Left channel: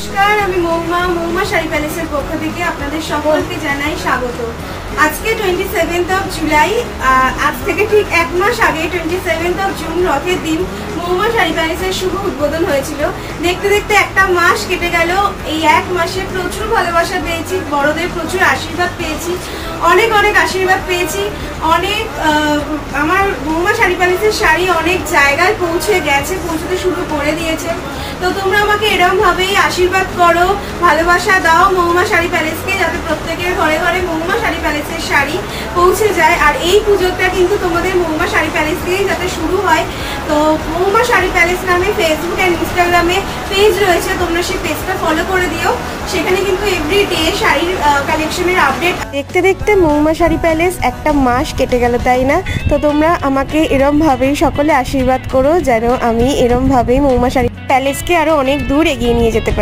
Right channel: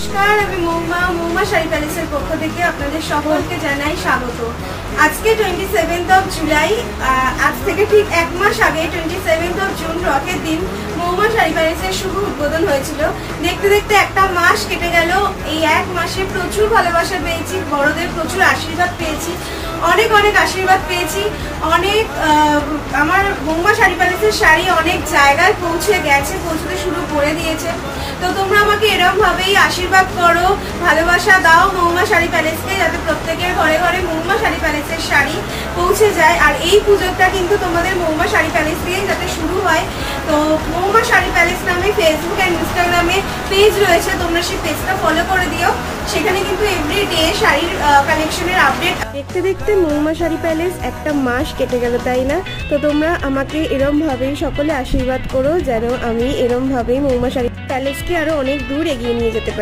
নমস্কার, আমি মৌমা শাড়ি প্যালেসের পক্ষ থেকে আপনাদের সকলকে জানাই স্বাগত। আজকে 27 জুলাই, আজ থেকে ঠিক এক মাস আগে 27 জুন রথের দিন মৌমা শাড়ি প্যালেসের শুভ উদ্বোধন হয়েছিল। দেখতে দেখতে একটা মাস কেটে গেল। এই এক মাসে প্রচুর ভালোবাসা পেয়েছি, বড়দের প্রচুর আশীর্বাদ পেয়েছি, অনেক অনেক আশীর্বাদ পেয়েছি। অনেক আমার মৌমা শাড়ি প্যালেসের শাড়ি অনেক জায়গায় পৌঁছতে শুরু করে দিয়েছে। তো তোমরা আমাকে এরকম ভাবেই আশীর্বাদ করো, ভালোবাসা দাও মৌমা শাড়ি প্যালেসকে, যাতে প্রত্যেকের ঘরে ঘরে মৌমা শাড়ি প্যালেসের শাড়ি পৌঁছে যায়। আর এই পুজোটা কিন্তু তোমাদের মৌমা শাড়ি প্যালেস দিয়ে যাতে শুরু হয়। তো মৌমা শাড়ি প্যালেস নামে ফেসবুক আর ইনস্টাগ্রামে পেজ রয়েছে, তোমরা সেই পেজটা ফলো করে দিও। সেখানে কিন্তু এভরিডে শাড়ির কালেকশনের আপডেট। দেখতে দেখতে মৌমা শাড়ি প্যালেস একটা মাস কেটে গেল, তাই না? তো তোমরা আমাকে এরম ভাবেই সকলে আশীর্বাদ করো, যেন আমি এরম ভাবেই মৌমা শাড়ি প্যালেসকে আরো অনেক দূর এগিয়ে নিয়ে যেতে পারি।